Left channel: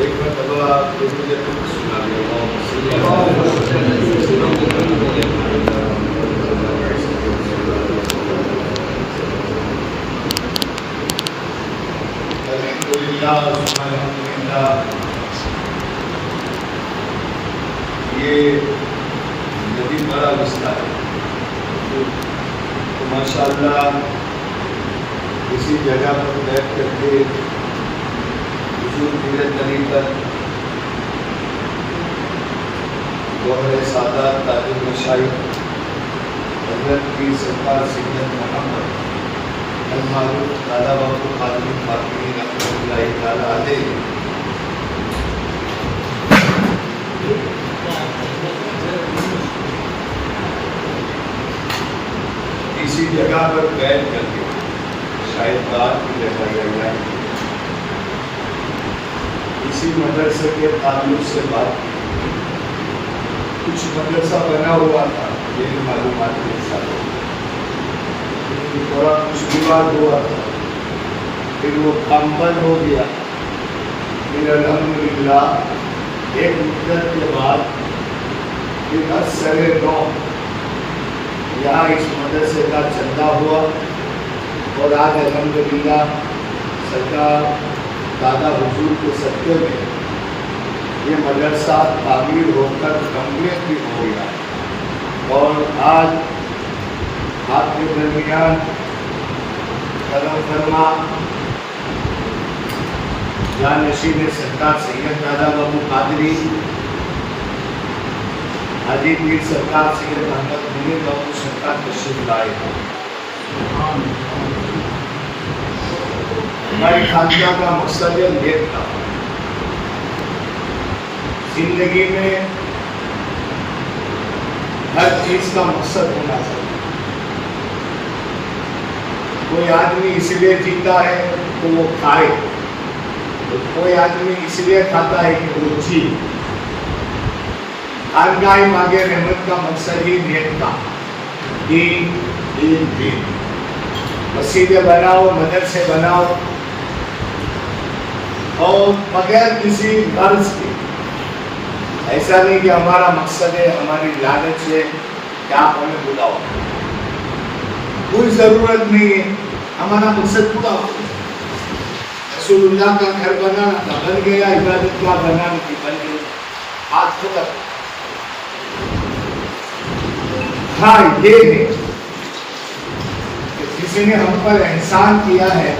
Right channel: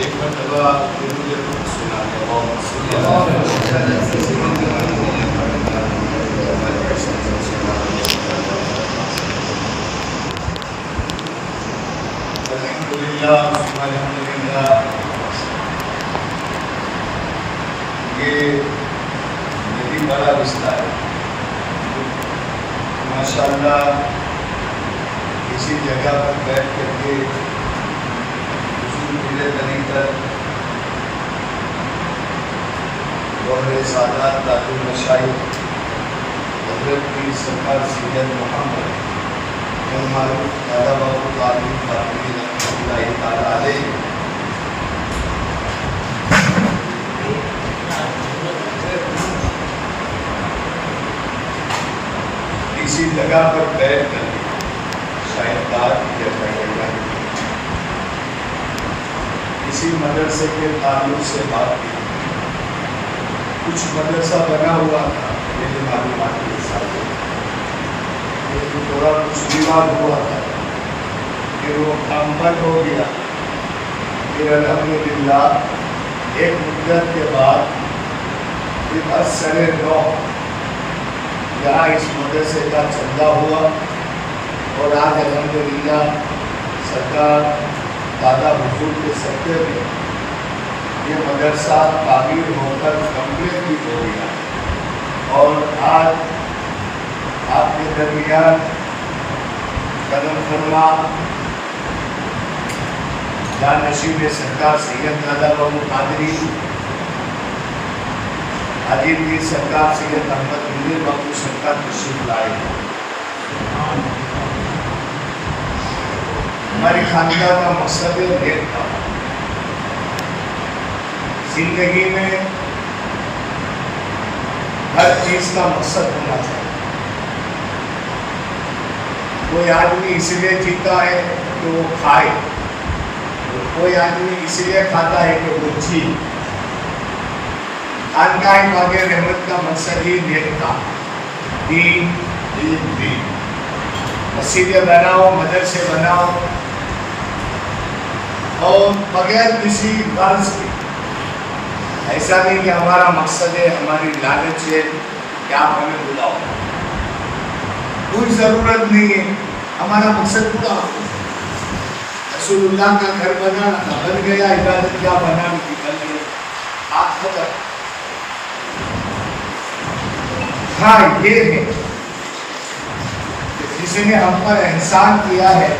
एक मरतबा फिर मुझे कुछ सुना दिया अल्हम्दुलिल्लाह। ये नदी बड़ा विस्तार है, तो माशाअल्लाह इसी जगह पर बैठ करके पीरे तरीक़त दोहरे सादात ताजुल मशाइख हज़रत की सरकार सैयद मोहम्मद अल-मारूफ दादा बाबू कादरी फातिमी रहमतुल्लाहि तआला अलैह इसी जगह पर बैठ करके शायद बात की जाए इसी मदरसे के ताल्लुक से बात की। कुछ मदरसा बना हुआ था, ये मालूमात के साथ, लेकिन थोड़ा कुछ विवाद हुआ था, फिर वो मुकम्मल हो गया। फिर अल्हम्दुलिल्लाह एक मुद्दत के बाद फिर असरे नौ यहाँ इस मदरसे का चंदा हुआ और आज अल्हम्दुलिल्लाह सरकार दादा हुजूर के सत्य में ये मदरसा तामीर होकर कंप्लीट भी हो गया और आज आपके दरमियान कदम फरमा जानशीन सरकार सैयद दादा बाबू कादरी हाजी पीर सरकार सैयद अहमद मुनीर बाबू सरकार तशरीफ लाए हैं। हमारी खानका का मकसद नेक था। जिंदगी में हर चीज का मकसद होना चाहिए। कोई आदमी इसलिए जीता है तो वो खाए, तो कोई आदमी इसलिए खाता है कि वो जी। खानगाह मांगे रहमत का मकसद ही नेक था, दीन दीन दीन। मस्जिदें बनाओ, मदरसे बनाओ और बगैर किसी गर्ज के। ऐसा नहीं कि हमारा मकसद है, हमारी लालच है कि आप हमें बुलाओ, कोई ज़रूरत नहीं है। हमारा मकसद पूरा हो गया। रसूलुल्लाह का घर बनाना था, बन गया। इबादत क्या बनानी थी, बन गई। आज खत्म। हाँ, ये है कि जिसने हम पर एहसान किया है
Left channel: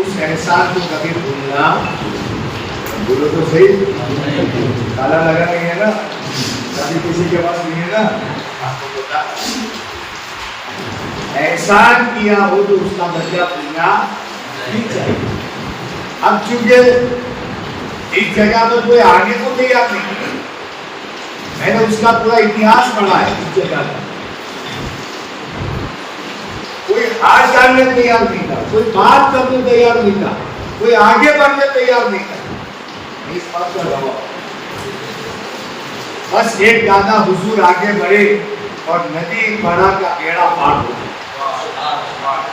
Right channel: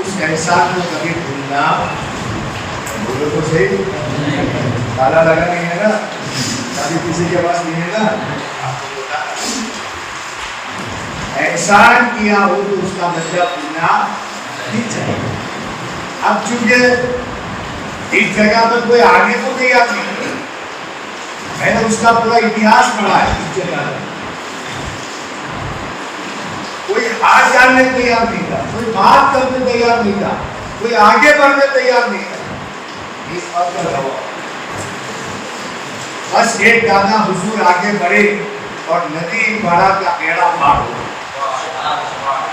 उस एहसान को कभी भूलना, बोलो तो सही, ताला लगा नहीं है ना, कभी किसी के पास नहीं है ना, आपको बता एहसान किया हो तो उसका बदला भूलना नहीं चाहिए। अब चूंकि इस जगह पर कोई आगे तो तैयार नहीं, मैंने उसका पूरा इतिहास पढ़ा है। इस जगह कोई हार डालने तैयार नहीं था, कोई बात करने तैयार नहीं था, कोई आगे बढ़ने तैयार नहीं था। इस बात का गवाह बस एक दादा हुजूर आगे बढ़े और नदी बड़ा का बेड़ा पार हो।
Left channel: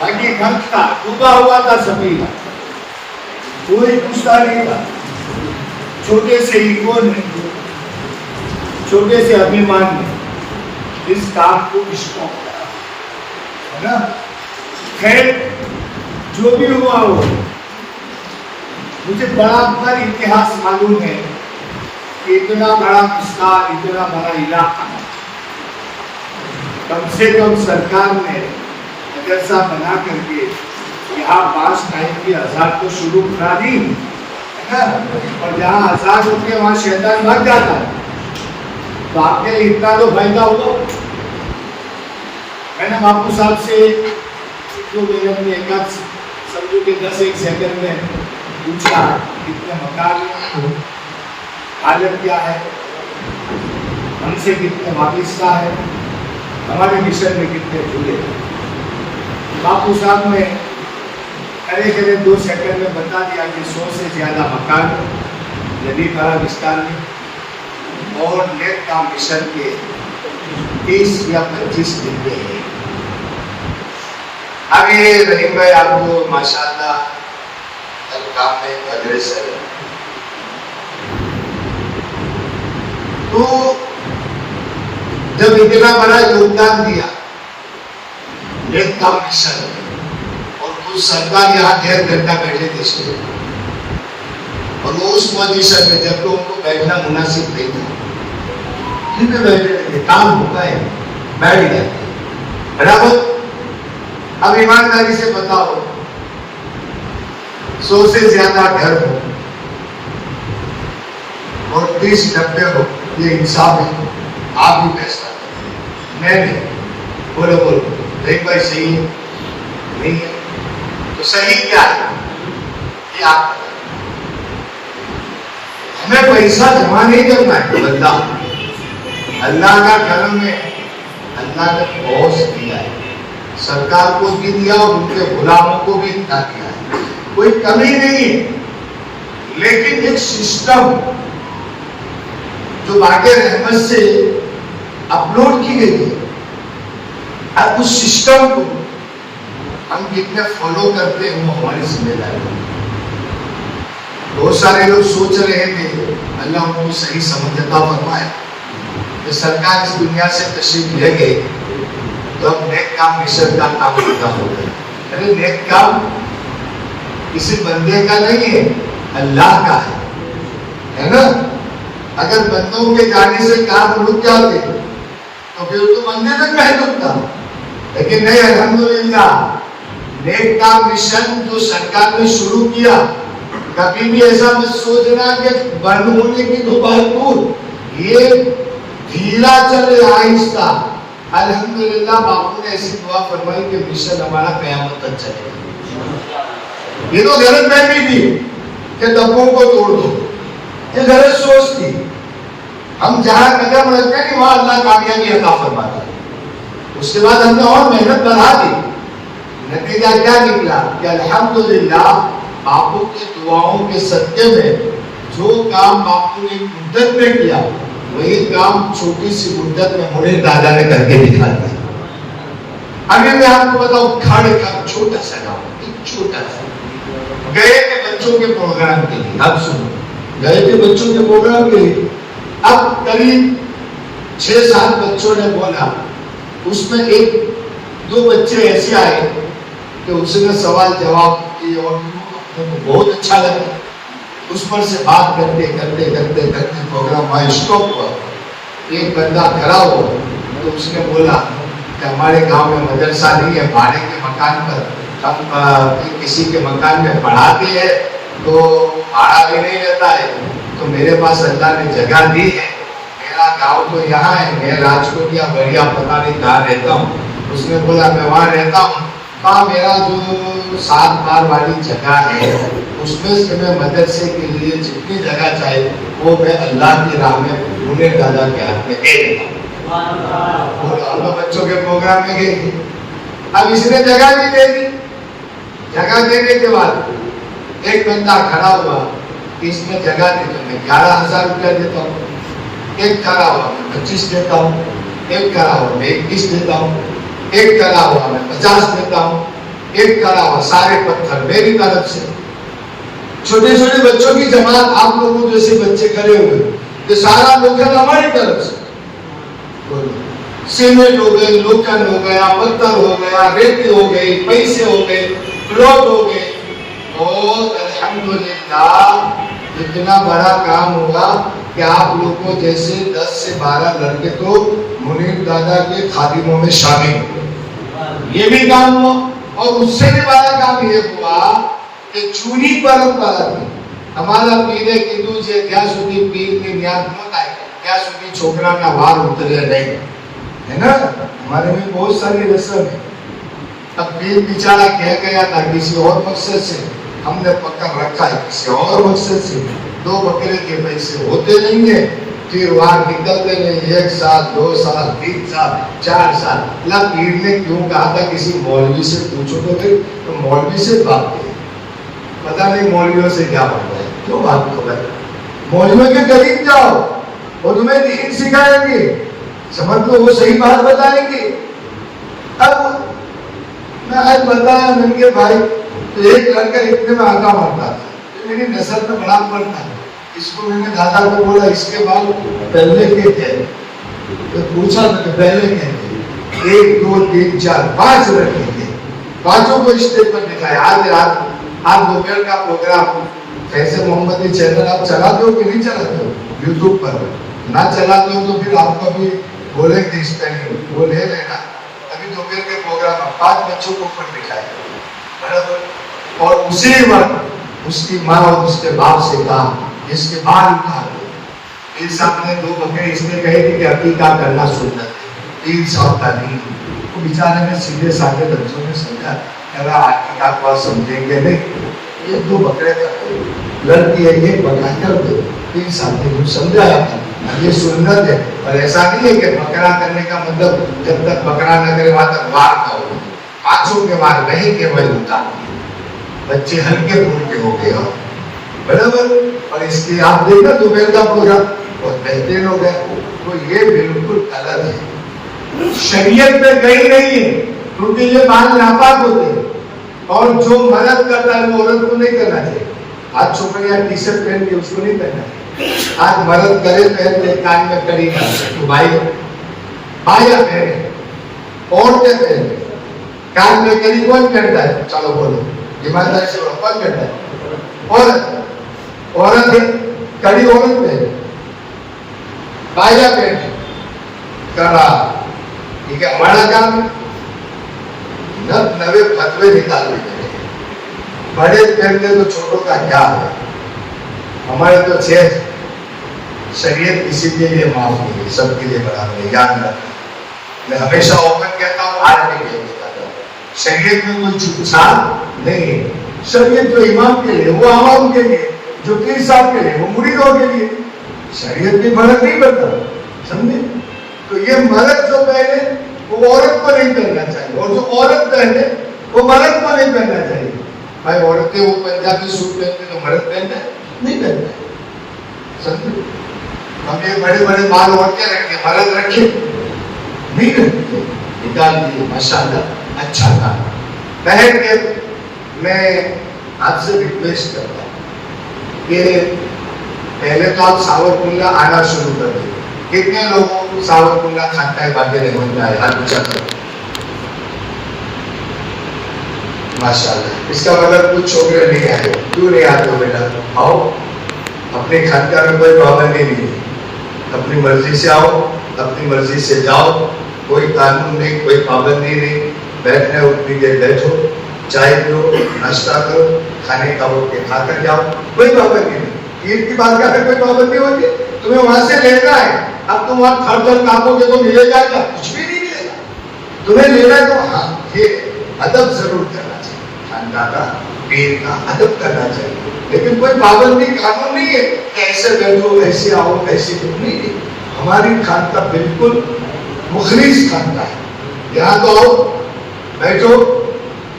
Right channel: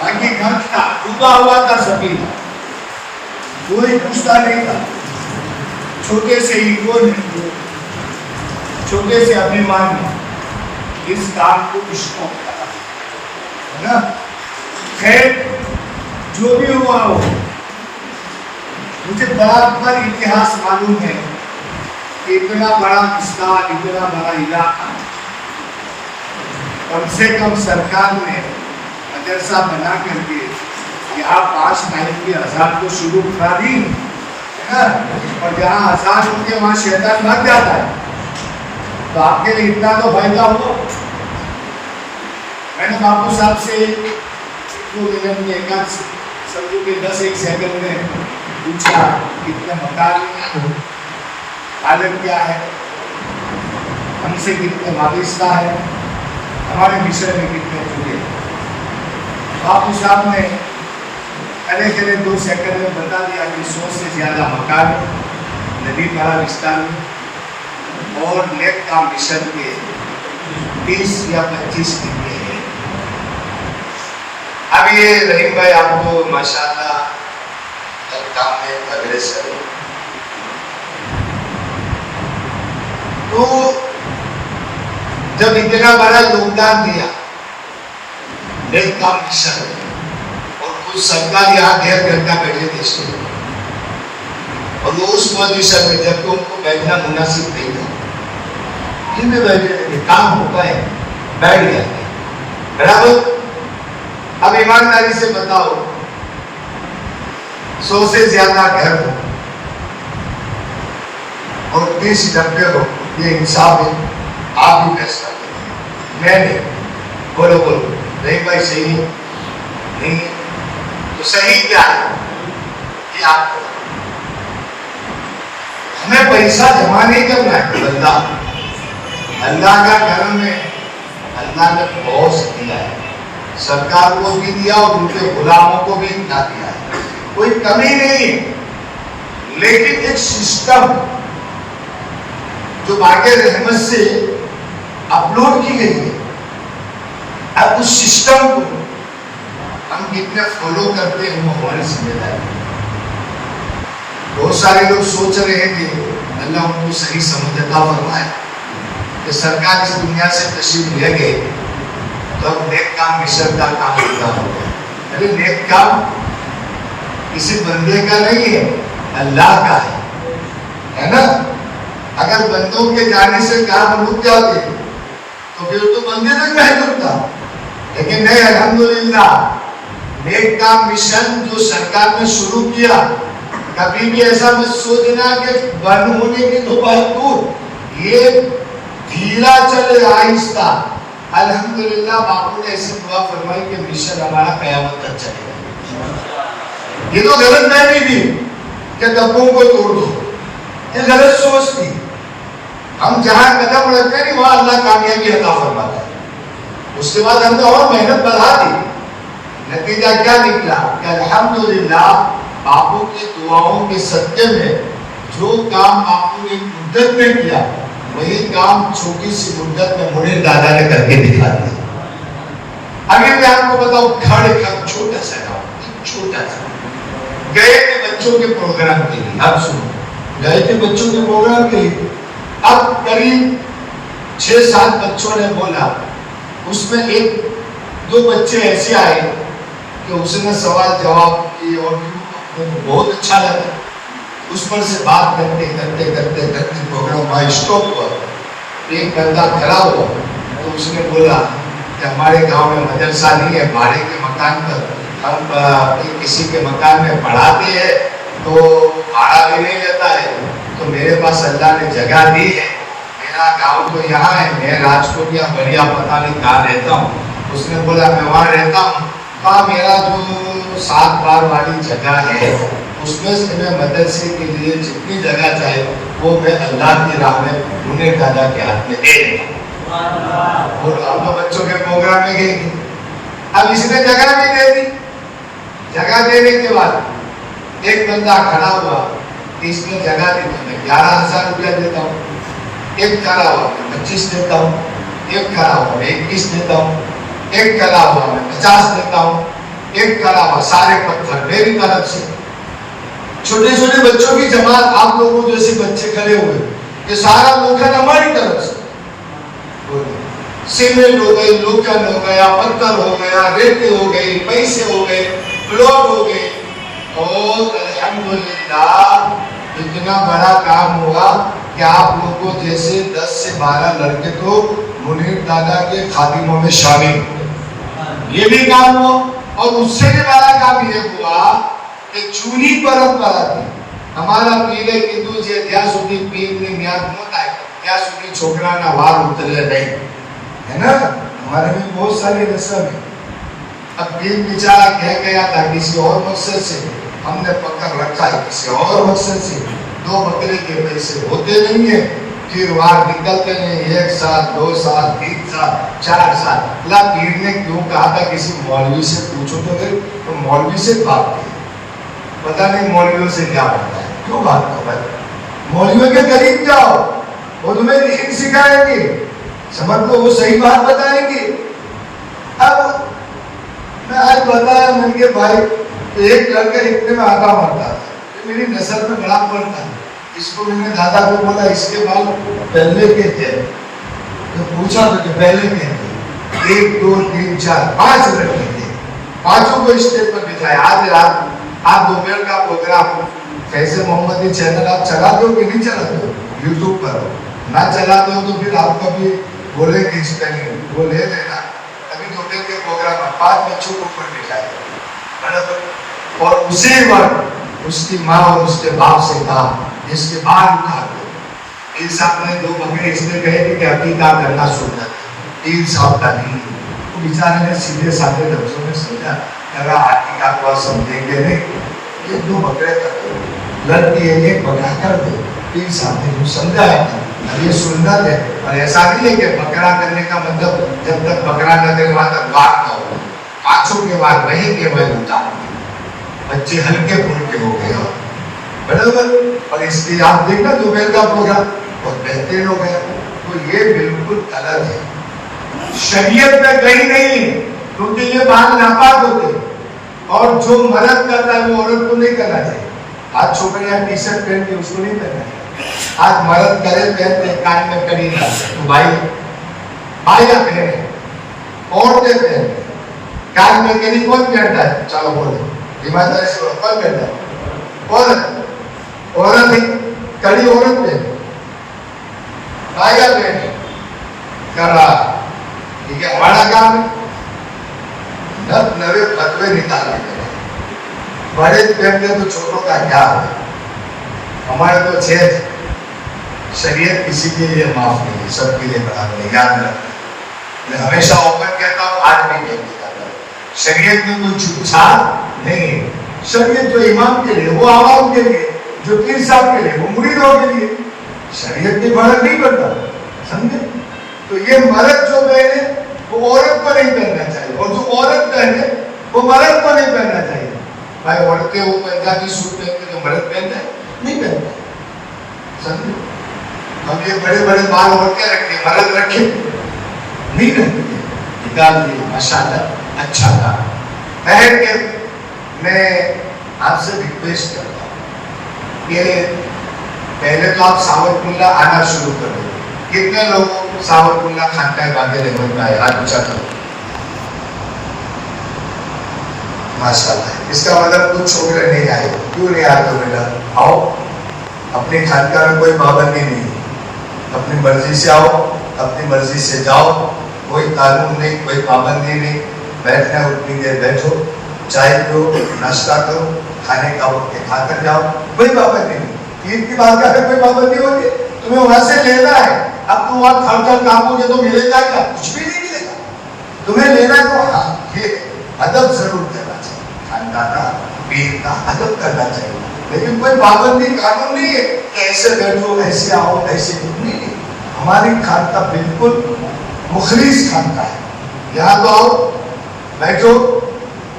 बाकी खर्च था, डूबा हुआ था सभी का, कोई पूछता नहीं था। छोटे से ईगो नहीं, छोटे से अभिमान नहीं, इस काम को स्टॉप करा है ना। खैर जो भी हुआ हो, मुझे बराबर इतिहास मालूम है कि इतना बड़ा विस्तार, इतना बड़ा इलाका, कम से कम सरकार ने मदरसा बना करके यहाँ 5 टाइम की अज़ान को शुरू करा दी है ना। और जहाँ अज़ान होती है वहाँ शैतान भाग जाता है, तो आपके लिए इतना तो फायदा हुआ। मैंने बापू साहब से एक समझो कि 10-1 सेकंड में पूछा कितने मकान, हालत क्या है, हमसे कितने वाबिस्ता है, हमारे मिशन में कितने जुड़े। बापू साहब ने करे 2 सेकंड में बता दिया कि 100 से ज़्यादा मकान नदी परा विस्तार में और नेक का मिशन के 30 या 25 डिब्बे हैं। अब ये रहीम भाई आपको माशाल्लाह काम में अग्रेसर है। तो जब इतना बड़ा योगदान दिया नेक काम मिशन और कुछ सरकार यहाँ 1.5 घंटा बैठे थे इसको, और वो उस पोजीशन में जब उनको बैठना मुनासिब नहीं था फिर भी बैठे थे, काम होता है बैठ गया बराबर। अब ईमानदारी से बताओ 100 से ज्यादा घर हो और 20-90 हो, ये इंसाफ है? आप भी फैसला करें, मैं नहीं। बोलो बोलो नहीं भाई सही है नहीं है तो सही क्या है ये आप हमें पैसा जमा नहीं करना है। बंदा अल्लाह का करम है, अल्लाह ने बहुत दिया है, सरकार को भी दिया और उनके गुलामों को भी इतना दिया है, कोई कमी नहीं। लेकिन एक सिस्टम जो वाक़ई रहमत से अपलोड की गई है, अब उस सिस्टम को हम कितने फॉलो करते हैं वो हमारी जिम्मेदारी है। बहुत सारे लोग सोच रहे थे, अल्लाह उनको सही समझ अता फरमाए, कि सरकार इस दुनिया से तशरीफ ले गए तब नेक काम मिशन का काम पूरा हो गया। अरे नेक काम किसी बंदे का नहीं है, अल्लाह का है ना। अगर बंदों के जाने से काम रुक जाते तो फिर तो मंदिर तक महदूद था, लेकिन नहीं, अल्हम्दुलिल्लाह नेक काम मिशन जो सरकार ने शुरू किया, कभी भी ऐसा मत सोचना कि बंद होने की तो बात दूर, ये धीरा चले आहिस्ता। अल्हम्दुलिल्लाह बापू ने ऐसी दुआ फरमाई कि मिशन हमारा क़यामत तक चलेगा। ये तो गलत फहमी थी कि डब्बों को तोड़ दो, ये गलत सोच थी। हम जहां कदम रखते हैं वहां अल्लाह कामयाबी अता फरमाता है। उसके बाद हमने और मेहनत बढ़ा दी, नतीजा क्या निकला कि अल्हम्दुलिल्लाह बापू की दुआओं के सदके में जो काम बापू ने मुद्दत में किया वही काम छोटी सी मुद्दत में मुनीर दादा ने करके दिखा दिया। अभी मैं आपको बताऊं, खड़ छोटा सा काम, छोटा सा गए के बच्चों के प्रोग्राम के लिए, आप सुनो, गए के बच्चों के प्रोग्राम के लिए अब करीब 6-7 बच्चों ने बोला, उसमें 1-2 बच्चे ऐसे आए कि उसने सवाल जवाब किए और मुझे बहुत अच्छा लगा। उस पर से बात करते करते करते करते प्रोग्राम वहाँ स्टॉप हुआ। एक बंदा खड़ा हुआ तो उसने बोला कि हमारे गांव में मदरसा नहीं है, भाड़े के मकान पर हम किसी के मकान में पढ़ाते हैं तो भाड़ा भी नहीं रहता है, तो मेरे पास अल्लाह ने जगह दी है, मेरा गांव तो यहाँ है, मैं राजकोट या बढ़िया पता नहीं कहाँ रहता हूँ। उसने बोला मैं वहाँ रहता हूँ, कहा मेरा जो 7 बार वाली जगह है उसमें से मैं मदरसे के लिए जितनी जगह चाहे वो मैं अल्लाह की राह में मुनीर दादा के हाथ में दे देता हूँ। और बच्चों के प्रोग्राम में गए, अब इसमें जगह भी दे दी। जगह देने के बाद एक बंदा खड़ा हुआ कि इसमें जगह दी तो मैं 11,000 रुपया देता हूँ, एक खड़ा हुआ मैं 25 देता हूँ, एक खड़ा हुआ मैं 21 देता हूँ, एक खड़ा हुआ मैं 50 देता हूँ, एक खड़ा हुआ सारे पत्थर मेरी तरफ से। छोटे छोटे बच्चों की जमात, आप लोगों जैसे बच्चे खड़े हुए, ये सारा लोग है हमारी तरफ से। सीमेंट हो गई, लोखंड हो गया, पत्थर हो गया, रेत हो गई, पैसे हो गए, ब्लॉक हो गए, और अल्हम्दुलिल्लाह इतना बड़ा काम हुआ कि आप लोगों जैसे 10 से 12 लड़के तो मुनीर दादा के खादिमों में शामिल हुए। ये भी काम हुआ, और उससे भी बड़ा काम ये हुआ कि जूनी परंपरा थी हमारा पीढ़े हिंदू जे ત્યાં સુધી પીરની ન્યાદ ન થાય ત્યાં સુધી છોકરાના વાળ ઉતરે નહીં, है ना। हमारे में बहुत सारी रस्म है। अब पीर बेचारा कह गया था किसी और मकसद से, हमने पकड़ रखा है किसी और मकसद से, 2 बकरे के पैसे होते नहीं है, फिर वहां निकलते नहीं, 1 साल 2 साल 3 साल 4 साल। अल्लाह पीर ने क्यों कहा था किसी मौलवी से पूछो तो फिर तो मौलवी से बात करें, पता नहीं मौलवियों से क्या होता है, क्यों बात करो भाई, मौलवियों के करीब जाओ, वो तुम्हें दीन सिखाएंगे, समझ लो वो सही बात बताएंगे। अब मैं आज बताया मन के भाई, तो एक लड़का इतने में आका मारता था, तो मेरी नजर में बड़ा पड़ता है, इसको मैंने दादा को बोला इसके बाल पहले के थे, तो पूछा था कि पहले के थे, 1 2 3 4 5 लड़के थे, पांचों को स्टेज पर बिठाया। आज रात आप दोपहर का प्रोग्राम कैसे मोहम्मदी चैनल आप चलाते हो कि नहीं चलाते हो यूट्यूब पर? ना चलाते हो तो फिर आपको भी बोलेंगे इस टाइम वो ले लेना। अभी दोपहर के प्रोग्राम में 5 बच्चों को ऊपर बिठाया बराबर, और उसी वक्त उसकी माँ और उसके बाप से कहा इसके बाल उतार दो। इस आपने 2 बकरे इसने कहे कि अकीका करना सुनना 3 साल का नहीं। तो बेचारे ने सीधे साधे लफ्जों में समझा, अगर अकीका को समझेंगे नहीं, 1 2 बकरे कर लड़की है ये बकरा कर दो, 3 साल में समझाया था। ये सुन्नत है, और ऐसा नहीं है कि बकरा करने का मतलब जब तक बकरा न करे वहां तक वार न हो, पांचों के वार नहीं केवल उतार, बच्चे हल्के फुल्के हो गए बराबर। और इसलिए आप देखना दोपहर का प्रोग्राम और बेहतरीन हो गया, तो ये बिल्कुल अलग है, शरीयत में कहीं नहीं है, क्योंकि ये बाल नापाक होते हैं। और जो मर्द करता है वो औरत को नहीं करना चाहिए। आज छोकरियां टी शर्ट पहन के उसको नहीं करना है, आज मर्द गले पहन के कान में कड़ी ना, तो भाई भाइया पहने, औरतें पहने, कान में कड़ी कौन पहनता है? चलो बोलो ईमानदारी से कौन पहनता है? औरत है, कड़ी औरत पहने, भाइया पहने, कड़ा, ठीक है, हमारा काम है नवे फतवे निकालने के, बड़े पहनते तो छोटों का क्या है? हमारे तो चेज शरीयत किसी के लिए माफ नहीं है, सबके लिए बराबर है, याद रखना। मैं हमेशा ओपन कहता हूँ, आज नहीं कहता, शरीयत में कोई छूटछाट नहीं है। शरीयत जो इमाम के लिए वो आवाम के लिए, जो पीर साहब के लिए वो मुरीदों के लिए, शरीयत की फर्क नहीं बनता, समझे? तो ये मर्द जो पहने वो औरत को नहीं पहनना चाहिए, और जो औरत पहने वो मर्द को नहीं पहनना चाहिए। भाई औरतें वो पंजाबी सूट पहनते तो मर्द पहनते नहीं पहनते, समझे? हम ये बड़े बड़े बाल औरतें रखते, मर्द रखे नहीं रखते, निकाल दिए माशाल्लाह, अच्छा था। पहन के मैं आपसे रिक्वेस्ट करता हूँ कि पहले तो आप सावरकुल्ला आना शुरू कर दो। कितने लोगों को सावरकुल्ला खानकाह बागे रहने में आए? हाथ ऊंचा करो, माशाल्लाह। इसका मतलब कुछ छोकरे नहीं आए, क्यों नहीं आते बेटा? आओ, अपने खानकाह में कोई पाबंदी नहीं, अपनी मर्जी से आओ, अपनी मर्जी से जाओ, कोई कानून नहीं, कोई पाबंदी नहीं, बैठना उतनी देर बैठो, चाय पियो, नाश्ता करो, खाने का हो के खाकर जाओ, कोई पाबंदी नहीं। ईद की बात का कोई पाबंदी होगी? तुम्हें वहां से लेना है, अब तुम वहां खर्च कामोगे तो मिलेगा क्या? कुछ भी नहीं मिलेगा। तुम्हें लेना तो हाँ, ये अदब जरूर करना चाहिए, खानदान का पीर का अदब करना चाहिए, लेकिन कोई पाबंदी कानून नहीं है कि ऐसे बैठो, ऐसे आओ, ऐसे नहीं। हमारी खानका बिल्कुल मुखलिस खानका है। यहाँ तो आओ, बैठो,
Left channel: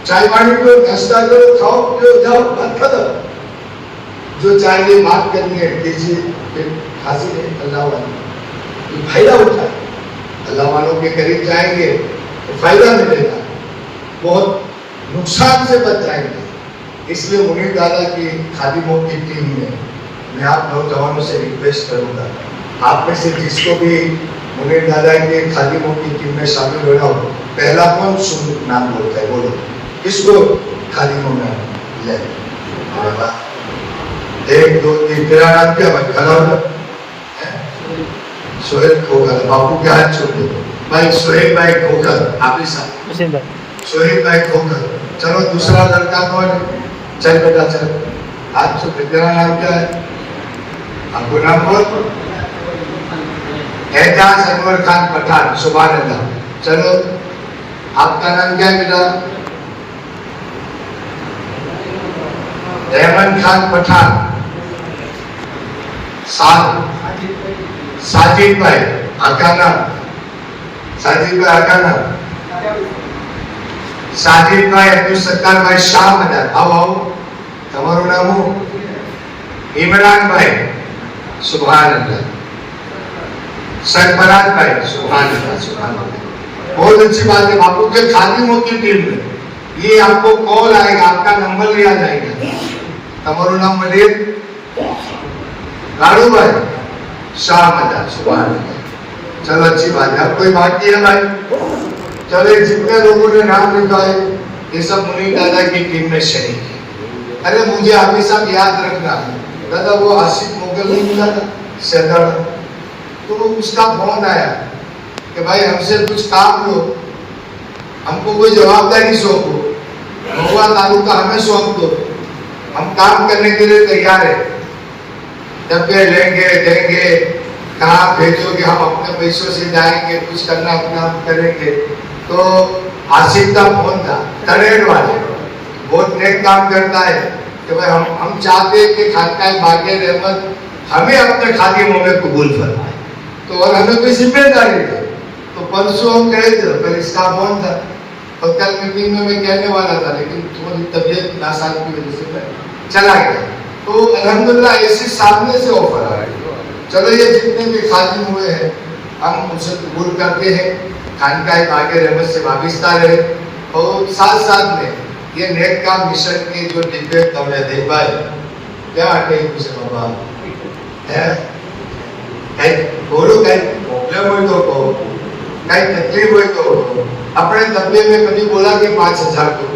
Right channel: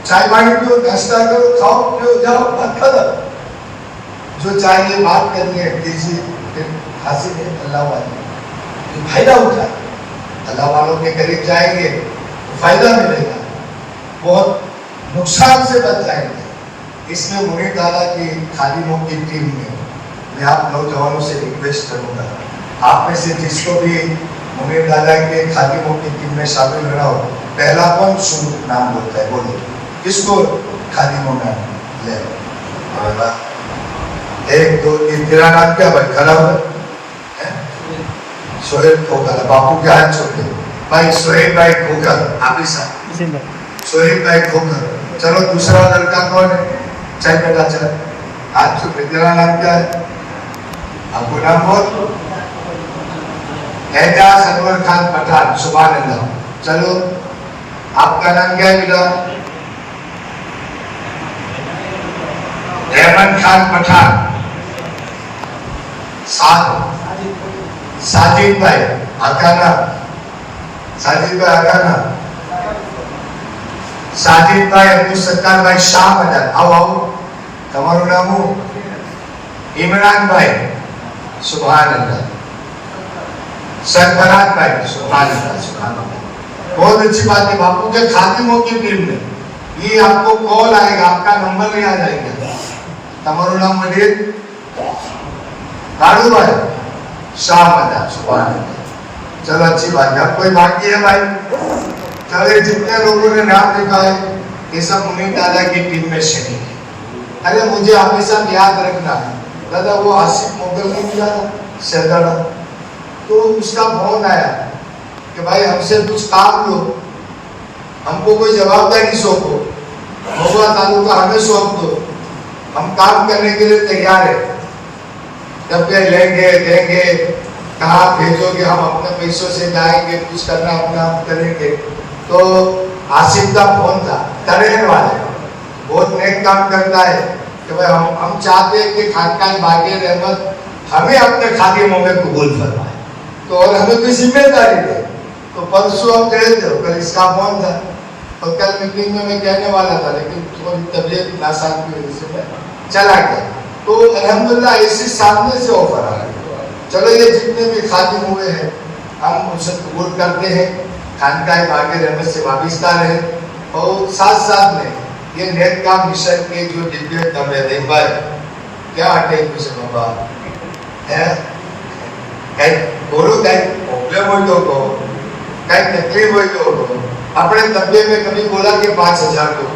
चाय पानी पियो, नाश्ता करो, खाओ पियो, जाओ, बात खत्म। जो चाहिए बात करनी है कीजिए, हासिल है अल्लाह वाले फायदा उठाए, अल्लाह वालों के करीब जाएंगे तो फायदा मिलेगा, बहुत नुकसान से बच जाएंगे। इसलिए मुनीर दादा की खादिमों की टीम में मैं आप नौजवानों से रिक्वेस्ट करूंगा, आप में से जिसको भी मुनीर दादा के खादिमों की टीम में शामिल होना हो, पहला कौन नाम बोलता है? बोलो किसको खादिमों में लिया? 1 2 3 तेरा नाम क्या भाई? खड़ा हो, सोहेल खोकर, बापू क्या हाथ छोड़ भाई, सोहेल भाई खोकर, आप ही सोहेल भाई खोकर। चलो दूसरा लड़का कौन है? चल बेटा चल, हाथ छोड़। तेरा नाम क्या है? आपको नाम बोल। एजाज अनवर खान पठान, सुभान अल्लाह। चलो आपका नाम क्या है बेटा? अहमद खान पठान। साजिद भाई अकाना, साजिद भाई अकाना, साजिद भाई अब्दुल सत्तार भाई शाह मदन। आओ आओ, તમારું નામ इमरान भाई, सुभान अल्लाह। सरफराज भाई, सुभान अल्लाह, सुभान अल्लाह। बहुत अच्छी बात है, बापू के खादिमों की टीम में ये आपको कॉल आएगा, आपका नंबर लिया जाएगा। તમારું નામ મરીમ, लाडू भाई शाम मजा सुबह। चलो अच्छी बात है। कोई बाकी है भाई? चलो जितने लोगों ने नाम लिखवाए ये सब मुनीर दादा की टीम में शरीक है। अरे मुझे अभी सब याद रखना है दादा, वो आसिफ मुगल नहीं मिला था सैदाड़ा, तो उसका फोन आया कि भाई हमसे कुछ काम लो, हमको कोई जवाबदारी सौंपो, महुआ तालुका हमें सौंप दो, हम काम करने के लिए तैयार है। डब्बे लेंगे देंगे, कहाँ भेजोगे, हम अपने पैसों से जाएंगे, कुछ करना अपना हम करेंगे। तो आसिफ का फोन था, करेंट वाले, बहुत नेक काम करता है कि भाई हम चाहते हैं कि खानकाह बाग़े रहमत हमें अपने खादिमों में कबूल फरमाए, तो और हमें कोई जिम्मेदारी दे। तो परसों हम गए थे, फिर इसका फोन था, और कल मीटिंग में मैं कहने वाला था, लेकिन थोड़ी तबीयत नासाज की वजह से मैं चला गया। तो अल्हम्दुलिल्लाह ऐसे सामने से ऑफर आ रहा है। चलो ये जितने भी खादिम हुए हैं हम उनसे कबूल करते हैं, खानकाह बाग़े रहमत से वाबिस्ता रहे, और साथ साथ में ये नेक काम मिशन के जो डिब्बे कर रहे थे भाई, क्या हटे से बाबा है कई बोलो, कई प्रॉब्लम हुई तो कहो, कई तकलीफ हुई तो कहो। अपने डब्बे में कभी बोला कि 5,000 दो,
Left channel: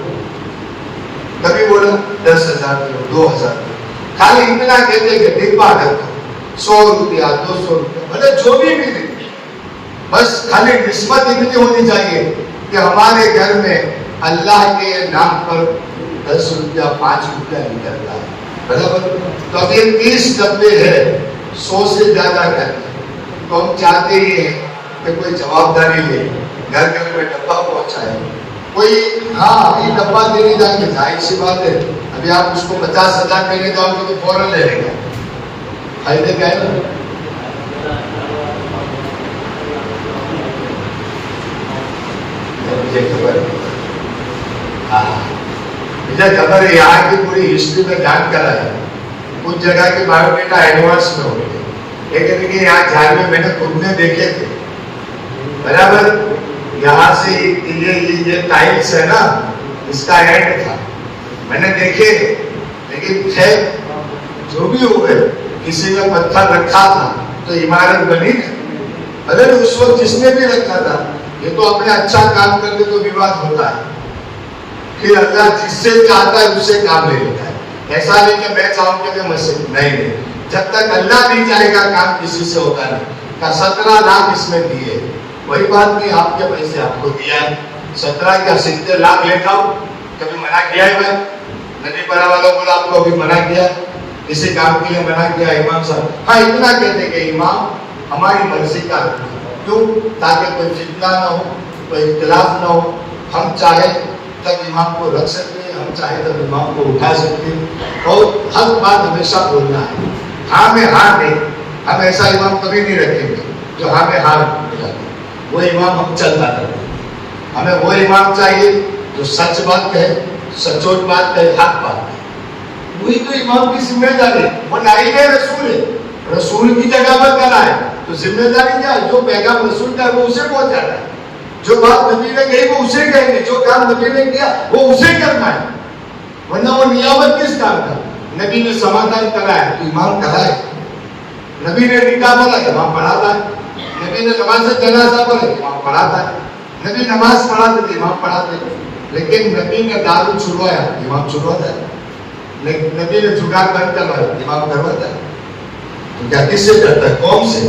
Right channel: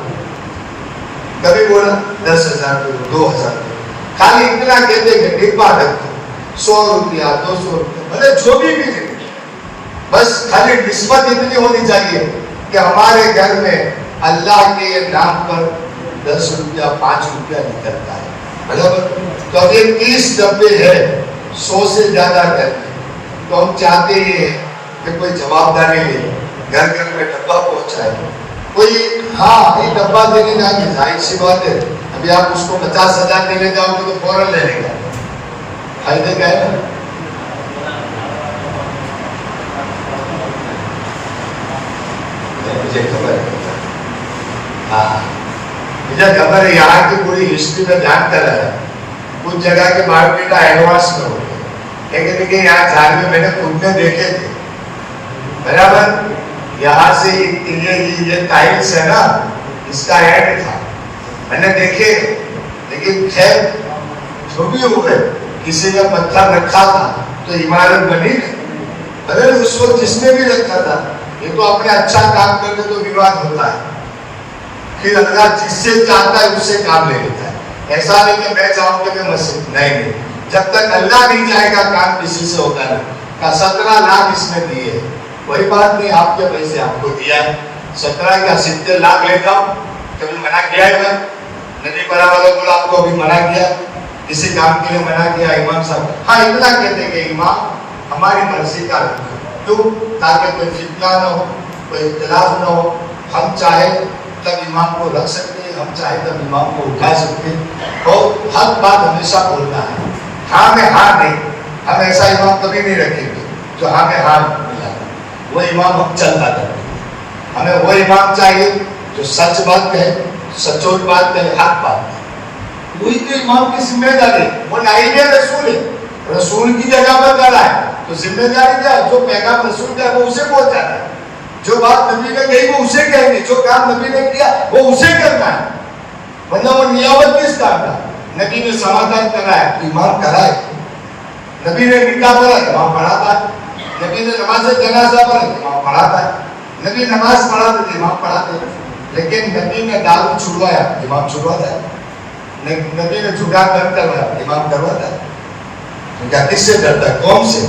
कभी बोला 10,000 दो, 2,000 दो, खाली इतना कहते कि डिब्बा रखो, 100 रुपया 200 रुपया, मतलब जो भी मिले, बस खाली निस्बत इतनी होनी चाहिए कि हमारे घर में अल्लाह के नाम पर 10 रुपया 5 रुपया निकलता है, बराबर। तो अब ये 30 डब्बे है, 100 से ज्यादा है, तो हम चाहते ही हैं कि कोई जवाबदारी ले, घर घर में डब्बा पहुंचाए। कोई हाँ अभी डब्बा देने जाएंगे, जाहिर सी बात है, अभी आप उसको 50,000 देने जाओगे तो फौरन ले लेगा, फायदे का है। मुझे खबर है यहाँ की पूरी हिस्ट्री में जानता है, कुछ जगह के बायोडेटा एडवांस में होते, लेकिन यहाँ झारखंड मैंने खुद में देखे थे, बराबर। यहाँ से ये टाइल्स है ना, इसका एंड था, मैंने देखे, लेकिन खैर जो भी हो गए, किसी ने पत्थर रखा था तो इमारत बनी। अगर उस वक्त जिसने भी रखा था, ये तो अपने अच्छा काम करते तो विवाद होता है, फिर अल्लाह जिससे चाहता है उससे काम ले लेता है। ऐसा नहीं कि मैं चाहूँ कि मस्जिद नहीं, जब तक अल्लाह नहीं चाहेगा काम किसी से होगा नहीं। का 17 लाख इसमें दिए, वही बात नहीं आपके पैसे आपको दिया है, 17 क्या 70 लाख लेता हूँ, कभी मना किया है मैं? नदी बड़ा वाला बोला आपको अभी मना किया, किसी काम के लिए मना किया इमाम साहब? हाँ इतना कहते कि इमाम हमारी मर्जी का रखो, क्यों? ताकि कोई फितना ना हो, कोई इख्तिलाफ ना हो, हम चाहे तब इमाम को रख सकते हैं, हम चाहे तब इमाम को उठा सकते हैं, और हक बात हमेशा बोलना है, हाँ में हाँ नहीं। हम ऐसा इमाम कभी नहीं रखेंगे जो हाँ में हाँ मिला, वो इमाम हम चलता करें। हमें वो इमाम चाहिए जो सच बात है, सचोट बात है, हक बात है, वही तो इमाम की जिम्मेदारी। वो नाइबे रसूल है, रसूल की जगह पर करा है तो जिम्मेदारी क्या है? जो पैगाम रसूल का वो उसे पहुंचाना है, जो बात नबी ने कही वो उसे कहेंगे, जो काम नबी ने किया वो उसे करना है, वरना वो नियामत किस काम का? नबी ने समाधान कराया तो इमाम कराए, नबी ने निकाह बोला इमाम पढ़ाता है, नबी ने नमाज जनाजा बोला इमाम पढ़ाता है, नबी नमाज पढ़ाते थे इमाम पढ़ाते, लेकिन नबी ने दारू छुड़वाया इमाम छुड़वाता है, नबी ने जुगाड़ बंद करवाया इमाम करवाता है। क्या किससे डरता है? कौम से?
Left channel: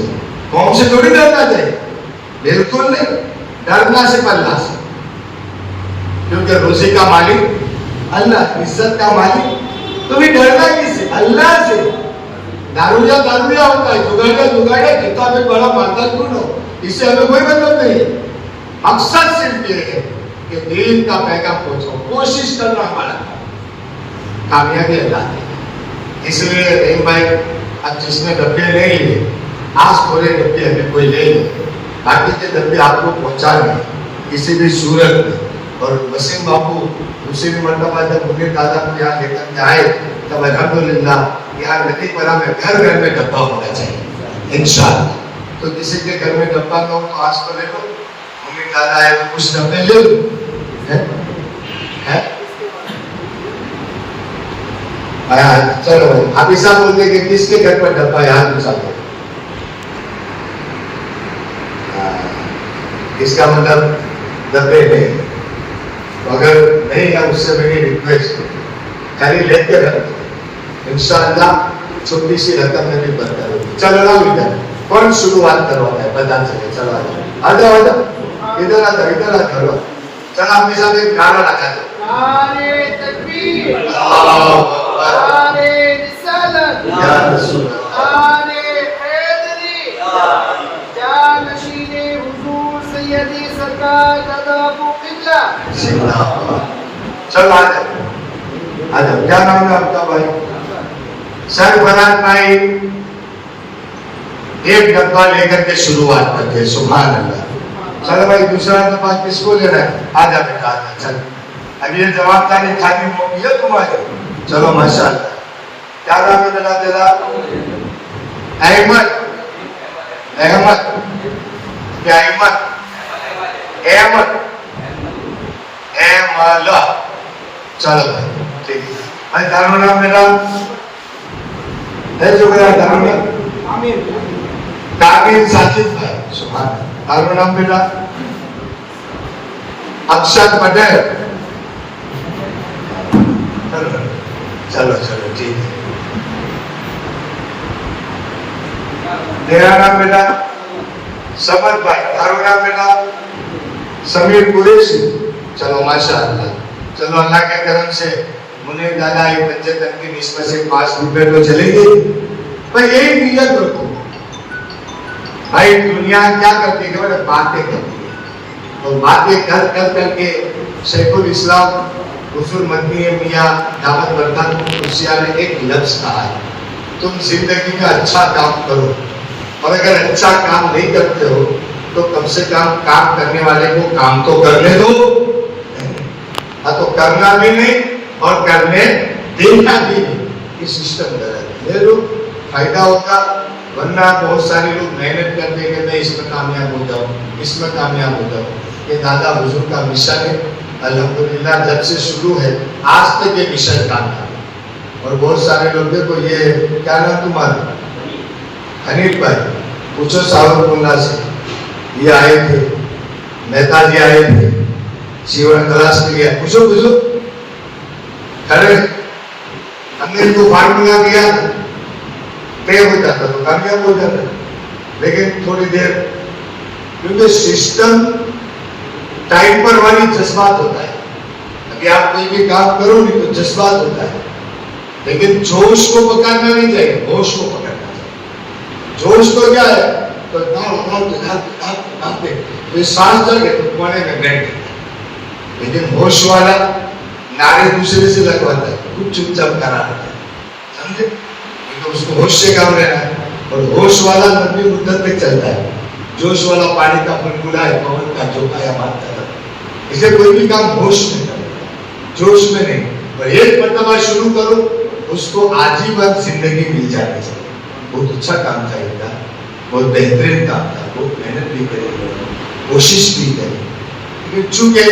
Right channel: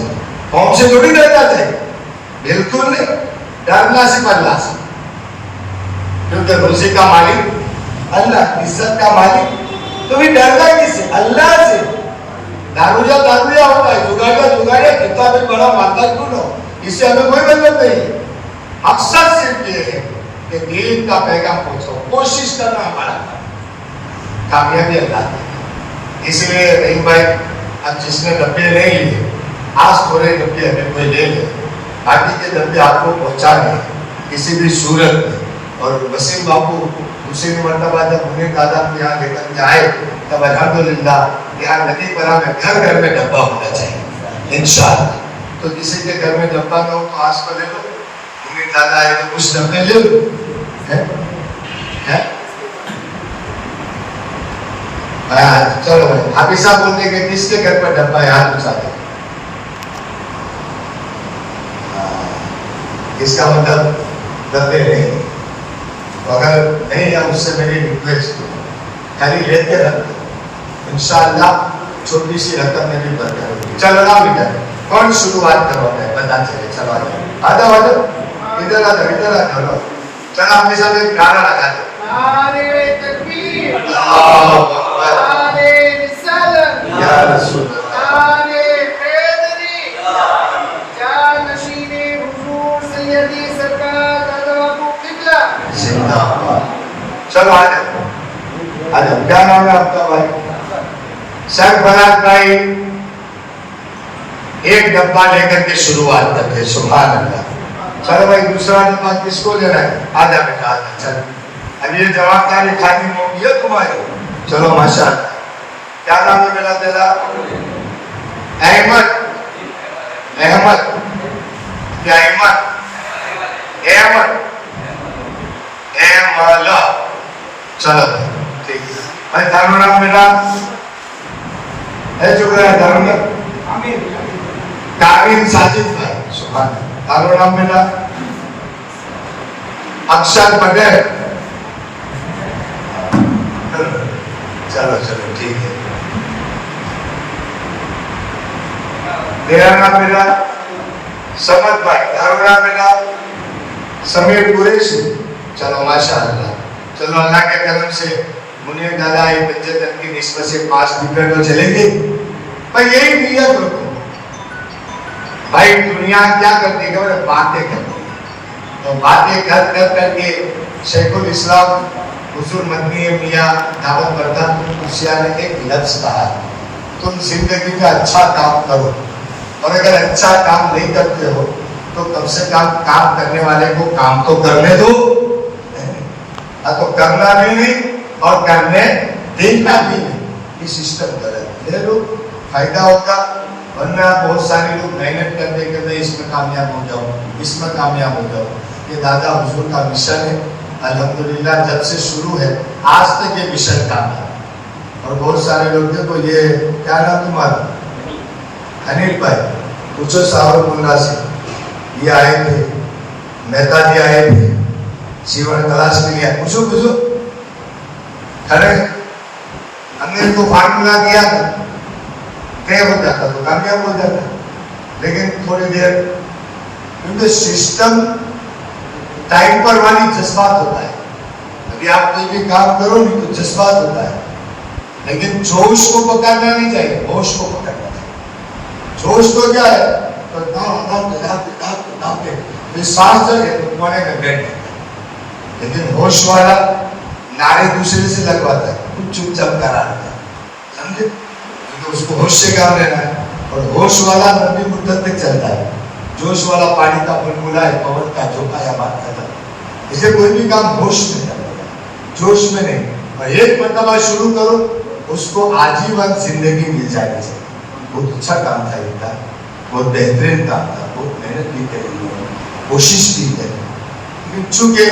कौम से थोड़ी डरना चाहिए, बिल्कुल नहीं, डरना सिर्फ अल्लाह से, क्योंकि रोजी का मालिक अल्लाह, इज्जत का मालिक, तो भी डरना किससे? अल्लाह से। दारूया दारूया होता है, जुगाड़िया जुगाड़िया, किताब में बड़ा माता क्यों ना हो, इससे हमें कोई मतलब नहीं है। मकसद सिर्फ ये है कि दीन का पैगाम पहुंचाओ, कोशिश करना हमारा, कामयाबी अल्लाह। इसलिए रहीम भाई अब जिसने डब्बे नहीं लिए, आज थोड़े डब्बे हमें कोई ले ले, बाकी के डब्बे आपको पहुंचा दें किसी भी सूरत में। और वसीम बापू दूसरी मरतबा जब मुनीर दादा के यहाँ लेकर के आए तब अल्हम्दुलिल्लाह यहाँ नदी परा में घर घर में डब्बा होना चाहिए इंशाअल्लाह। तो किसी के घर में डब्बा ना हो तो आज तो ले लो, मुनीर दादा आए तो कुछ डब्बे ले लो, हाँ चलो भाई, हाफिज साहब बोलते कि किसके घर पर डब्बा है, हाथ उठा दे। इसका मतलब डब्बे नहीं, अगर नहीं है उससे मेरी रिक्वेस्ट खाली लेते रहते, इंशाअल्लाह छोटी सी रकम में भी बरकत होगी। चलो ना बेटा, कौन शुरुआत करवाना है बता सके? चलो आ जाओ इधर आ जाओ, इधर आ जाओ। चलो आपके साथ एक नारा रखा दो, नारे तकबीर, नारे रिसालत, या रसूल अल्लाह, नारे हैदरी, जानशीने हुजूर सैयदी सरकार दादा अबू किबला जिंदाबाद। चलो आ जाओ, क्या नाम है आपका भाई? सरफराज भाई एक डब्बा लेकर के शुरुआत करते हैं। सुभान अल्लाह। चलो भाई दूसरा डब्बा किसको लेना है? आजा बेटा आजा, चल अब ये जवाबदारी खानी नहीं है तुम्हारी। चलो माशाअल्लाह। क्या नाम है मेरा तेरा? अहमद, अहमद क्या अहमद? अहमद अहमला। चलो भाई ठीक है भाई। तारू नाम मेरा है जो मेरा नाम है कामिल साजिद भाई। सुभान अल्लाह। तारू नाम मेरा अक्षर पटेल। चलो चलो ठीक है। मेरा नाम मेरा समद भाई। तारू नाम मेरा समीर कुरैशी। चलो माशाअल्लाह। चलो अल्लाह के करम से मुने दादा एक पंचायत की निस्बत से 5 डिब्बे तो चलेंगे भाई। एक नियत रखो भाई, दुनिया क्या करती है? बातें करती है, और बातें कर कर करके शेखुल इस्लाम हुजूर मदनी मियां दामद बरकत कुर्सिया ने एक लफ्ज कहा है, तुम जिंदगी का अच्छा काम करो, और अगर अच्छा काम नहीं करते हो तो कम से कम काम करने वाले को काम तो करने दो। तो करना भी नहीं और करने देना भी नहीं, ये सिस्टम गलत है। लोग फायदा होगा, वरना बहुत सारे लोग मेहनत करते करते इसमें कामयाब हो जाओ, इसमें कामयाब हो जाओ। ये दादा हुजूर का मिशन है, अल्हम्दुलिल्लाह जब से शुरू है आज तक ये मिशन कामयाब। और बहुत सारे लोग देखो, ये क्या नाम तुम्हारा? अनिल भाई। पूछो सावरकुल्ला से, ये आए थे, नेताजी आए थे जीवन क्लास के लिए, पूछो पूछो। अरे हमने इनको फार्मूला दिया था, क्या हो जाता तो कामयाब हो जाता, लेकिन थोड़ी देर, क्योंकि सिस्टम टाइम पर वाली जज्बात होता है। अभी आप कोई भी काम करो नहीं तो जज्बात होता है, लेकिन जोश को पकड़ना नहीं चाहिए, होश को पकड़ना चाहिए। जोश को क्या है तो ये सांस जगे तो कोने में गेट, लेकिन होश वाला नारे दूसरे से लगवाता है, कुछ चुपचाप करा लेता है, समझे? तो उसको होश से काम लेना है, और होश वाला लंबी मुद्दत के चलता है, जोश वाला पानी का बुलबुला है, पवन का झोंका या बात करता है। इसे कोई भी काम होश में करना, जोश में नहीं। और एक मरतबा शुरू करो, उसको आजीवन जिंदगी मिल जाएगी। बहुत अच्छा काम था इनका, बहुत बेहतरीन काम था, बहुत मेहनत भी करेंगे, कोशिश भी करेंगे, चूंकि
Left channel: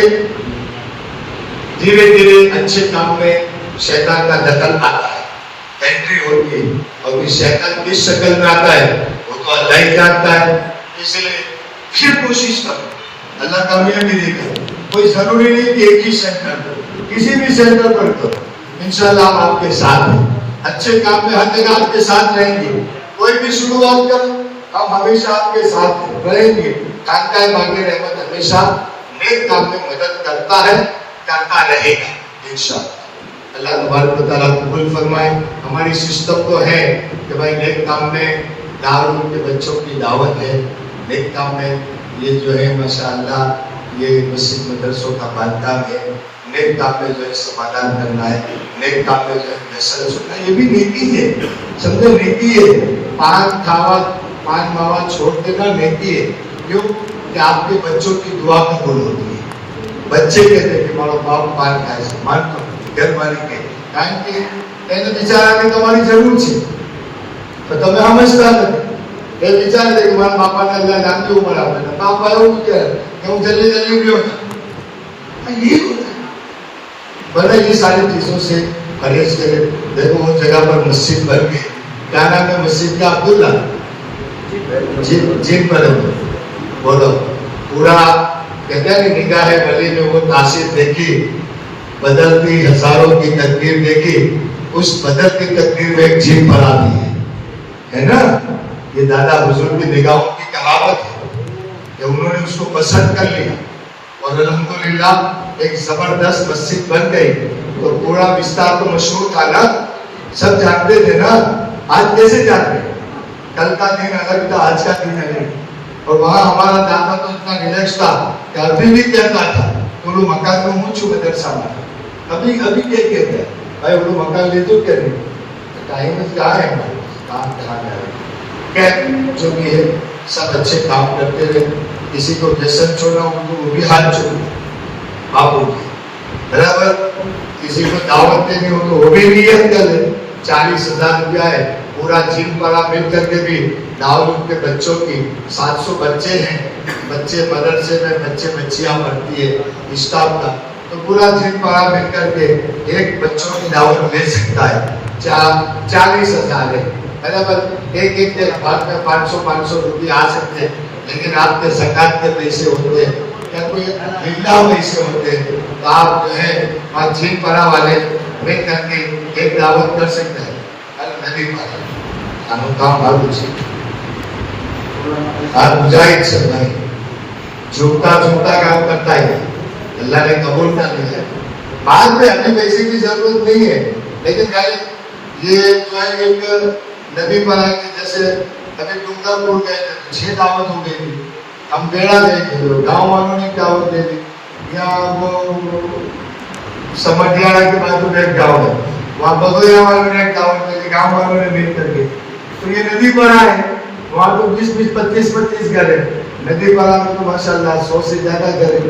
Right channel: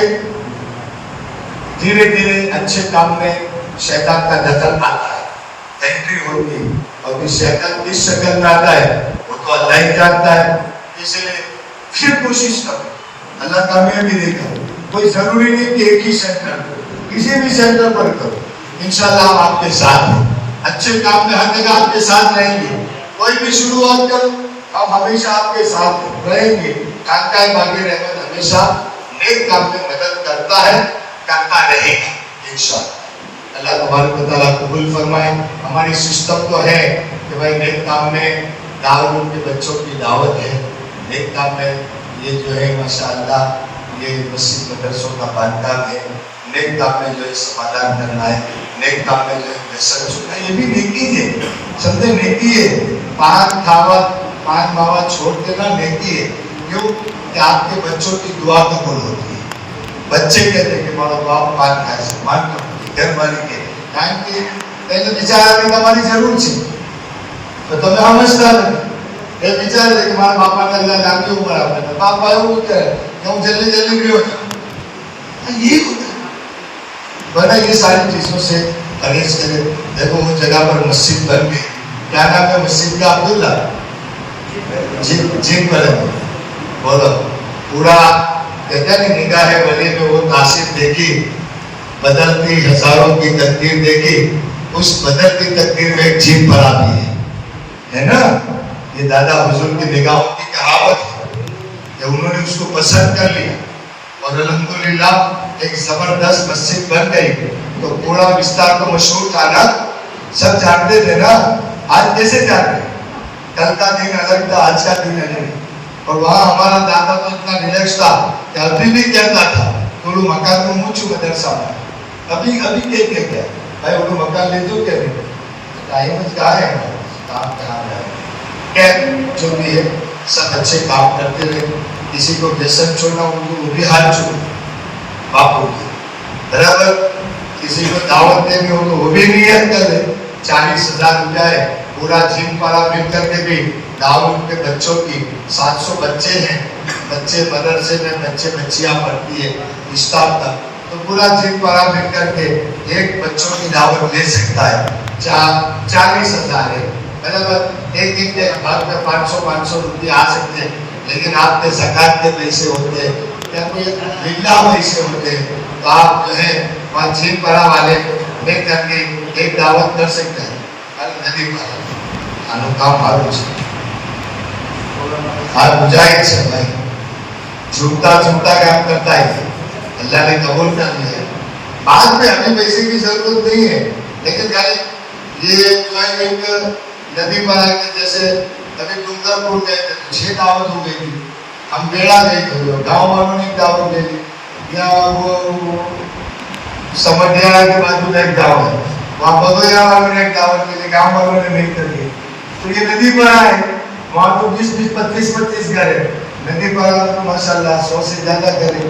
धीरे धीरे अच्छे काम में शैतान का दखल आता है, एंट्री होती है, और इस शैतान किस शक्ल में आता है वो तो अल्लाह ही जानता है। इसलिए फिर कोशिश करो, अल्लाह कामयाबी देगा। कोई जरूरी नहीं कि एक ही सेंटर, किसी भी सेंटर पर करो, इंशाल्लाह हम आपके साथ हैं। अच्छे काम में हर जगह आपके साथ रहेंगे। कोई भी शुरुआत करो, हम हमेशा आपके साथ रहेंगे। कांका मांगे रहमत हमेशा नेक काम में मदद करता है, करता रहेगा इंशाअल्लाह। अल्लाह तबारक व तआला कबूल फरमाए। हमारी सिस्टम तो है कि भाई नेक काम में दारूद के बच्चों की दावत है, नेक काम में ये जो है माशाअल्लाह ये मस्जिद मदरसों का बांधकाम है, नेक काम में जो है समाधान करना है, नेक काम में जो है व्यसन छूटना, ये भी नेकी है, समझे? नेकी है। पान मावा छोड़ देना नेकी है। क्यों? कि आपके बच्चों की दुआ कबूल होती है। बच्चे कहते हैं कि मारा बाप पान खाए से मान तो घर वाली के કારણ કે એને વિચાર કે તમારી જરૂર છે તો તમે સમજતા નથી। એ વિચારે કે મારા બાપાને અલ્લાહ લાંબી ઉંમર આપે, બાપા એવું વિચારે કે હું જલ્દી जल्दी गयो जाऊं। ये होता है। बड़ा ये सारी चीजों से अरेंज करे। देखो वो जगह पर मस्जिद बन गई, क्या नाम है मस्जिद का? अब्दुल्ला जिन पर बोलो। पूरा कहते हैं निगाहे वली में वो तासीर देखी, बदलती हजारों की तकदीर देखी, उस बदलती तकदीर में एक जीप पड़ा भी है ना। ये दादा बुजुर्ग की निगाहों की कहावत है कि उन्होंने उसको पसंद कर लिया और अल्हम्दुलिल्लाह एक जबरदस्त मस्जिद बन गई। तो पूरा विस्तार तो मशहूर था ना, सब जानते थे ना। आज कैसे जानते? कल का दिन अलग था, आज का दिन अलग। और वहाँ हमारा दादा तो इतना रिलैक्स था कि अभी भी कहता था बोलो मकान में मुँह छू मदरसा में अभी अभी क्या भाई बोलो मकान ले दो क्या नहीं, टाइम कहाँ है, काम कहाँ है। क्या जो भी है सब अच्छे काम करते हुए, किसी को व्यसन छोड़ा वो भी हाथ छोड़ा बापू बराबर। किसी को दावत देनी हो तो वो भी नियत कर ले। 40,000 रुपया है, पूरा जिम वाला मिल करके भी दाऊद के बच्चों की 700 बच्चे हैं, बच्चे मदरसे में बच्चे बच्चियां पढ़ती है स्टाफ का, तो पूरा जिम वाला मिल करके एक बच्चों की दावत ले सकता है। 40,000 है, मतलब एक के बात में 500 रुपये आ सकते हैं। लेकिन आपके ज़कात के पैसे होते हैं या कोई बिल्ला पैसे होते हैं, तो आप जो है वहाँ जिम बना वाले मिल करके एक दावत कर सकते हैं। नदी पर काम मालूम से और मुजाहिद से भाई झूठा काम करता है, अल्लाह ने कबूल कर लिया। बाद में हमें पैसे की जरूरत नहीं है, लेकिन खाली ये जो है एक नदी पर आके जैसे कभी डूंगरपुर गए थे 6 दावत हो गई थी, हम बेड़ा गए थे, गाँव वालों ने दावत दे दी, या वो समझियारा के बाजू में एक गाँव है वहाँ बदोया वालों ने दावत दे दी, गाँव वालों ने नहीं कर दी। तो ये नदी पारा है, वहाँ तो 20-20, 25-25 घर है। नदी पारा में तो माशाल्लाह 100 से ज्यादा घर है।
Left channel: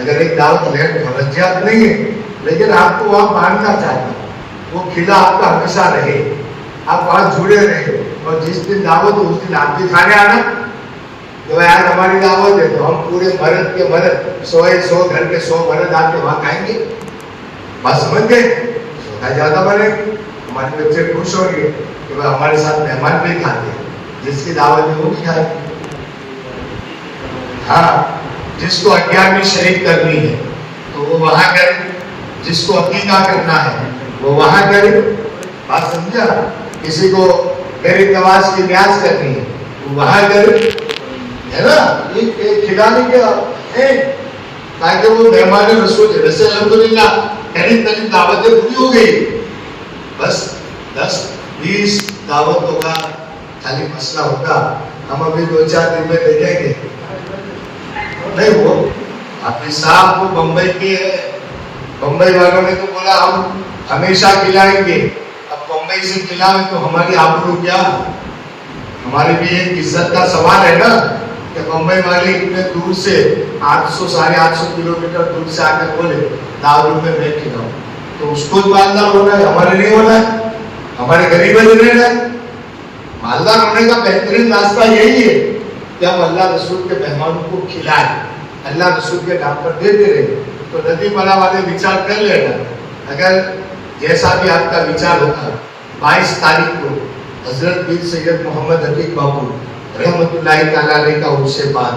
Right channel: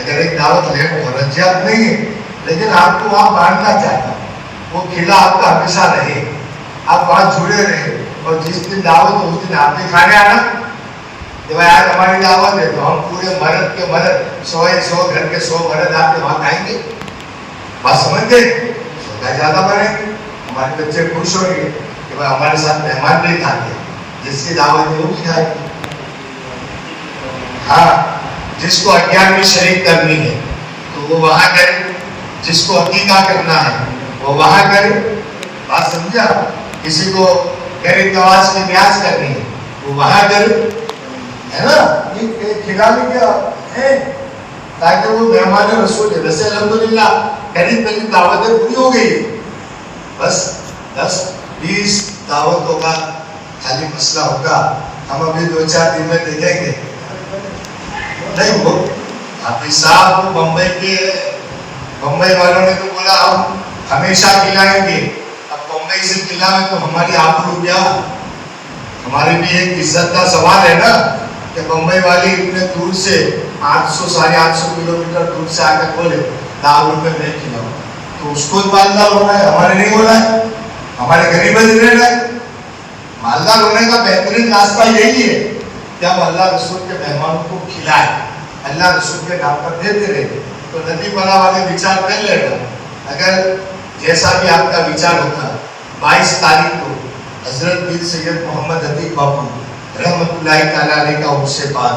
अगर एक दावत लेट रजियात नहीं है, लेकिन आपको वहाँ बांधना चाहिए, वो किला आपका हमेशा रहे, आप वहाँ जुड़े रहे। और जिस दिन दावत हो उस दिन आप भी खाने आना। तो भाई आज हमारी दावत है तो हम पूरे मर्द के मर्द 100 घर के 100 मर्द आपके वहाँ खाएंगे, बात समझ गए? ज्यादा बनेंगे, हमारे बच्चे खुश होंगे कि भाई हमारे साथ मेहमान भी खाते, जिसकी दावत है वो भी खाएंगे। हाँ, जिसको 11वीं शरीक करनी है तो वो वहाँ करे, जिसको अकीका करना है वो वहाँ करे, बात समझा? किसी को गरीब नवाज की न्याज करनी है वो वहाँ करे, है ना। ये खिलाने का है ताकि वो मेहमान रसूल है। वैसे अल्हम्दुलिल्लाह करीब दावतें पूरी हो गई, बस 10-20 दावतों का खाली मसला होगा। हम अभी 2-4 दिन में देखेंगे नहीं वो अपने साहब को बम्बई वालों ने तो बोला हम हमेशा खिलाएंगे, अब बम्बई से खिलाएं तो हमारी आबरू क्या? हमारी भी एक इज्जत का सवाल है ना कि बम्बई वाले इतने दूर से 800-850 किलोमीटर दूर से आके बोले दारू में नहीं खिलाओ, तो उसको मालदार होना है, हमारे नहीं होना है, हमारे गरीब रहना है। मालदार होने का बेहतरीन रास्ता यही है कि हम अल्लाह रसूल के मेहमानों को खिलाए, अल्लाह रसूल के नाम पर देते रहे। तो नदी बना वाले विचार कर लेना, अगर जैसा भी आपका विचार होगा 22 तारीख को हजरत पीर सैयद मोहम्मद हकीक बापू रहमतुल्लाहि ताला अलैह का उनसे बात,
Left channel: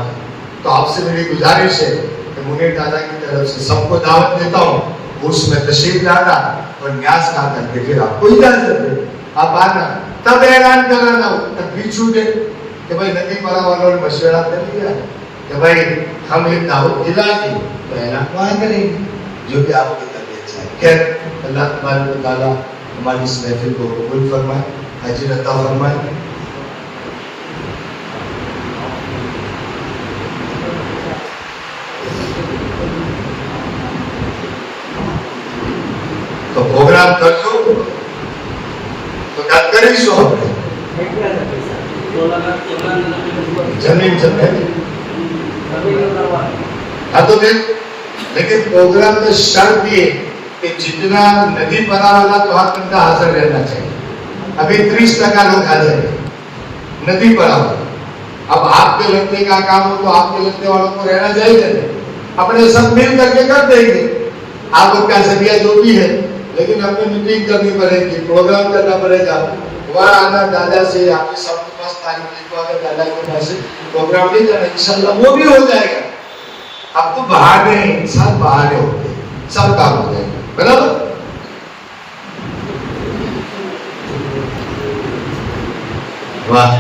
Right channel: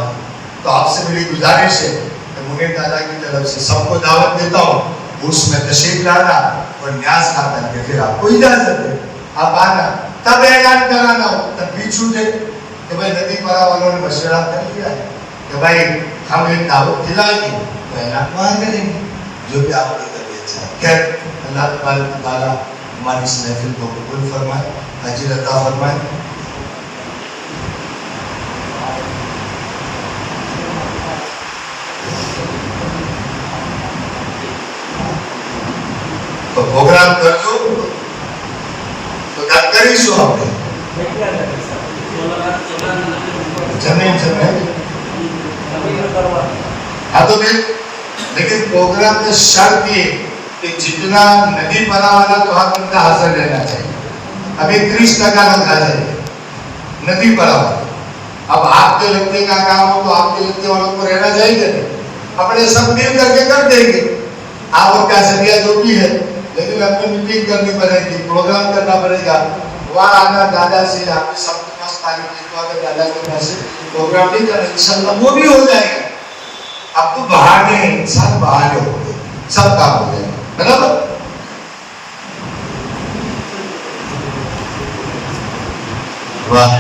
तो आपसे मेरी गुजारिश है कि मुनीर दादा की तरफ से सबको दावत देता हूँ, उसमें तशरीफ लाना और न्याज ना करके फिर आपको इजाजत है, आप आना, तब ऐलान कराना हो, तब भी छूटे कि भाई नदी पारा वालों ने मशवरा कर लिया कि भाई हम एक दावत खिलाएंगे, तो ऐलान वहाँ करेंगे जो कि आपकी तबीयत चाहे। खैर अल्लाह ताला हमारी इस महफिल को कबूल फरमाए, अजर अता फरमाए। तो प्रोग्राम कर दो तो कर ही सो हमने जमीन हाँ तो फिर लेकिन प्रोग्राम में शर्त ये कि जितना नदी बना वाला तो हर बंदा हाजिर रहना चाहिए। अभी 30% लोग हाजिर है नदी बना वाला। अब आपके लगने का काम हो तो आपके लगने वालों को रहना चाहिए, अपने सब मिल करके कर देंगे। आपका जरिया जो भी है लेकिन हमें मीटिंग करनी पड़ेगी, प्रोग्राम करना पड़ेगा। वहाँ आना दादा से, आपके सबके पास तारीख लिखवा कर दादा के पास प्रोग्राम नहीं करना, इंशाल्लाह वो भी हो जाएगा। अब तो बहाने हैं, सब बहाने होते हैं, सब काम हो जाएगा, बराबर। वाह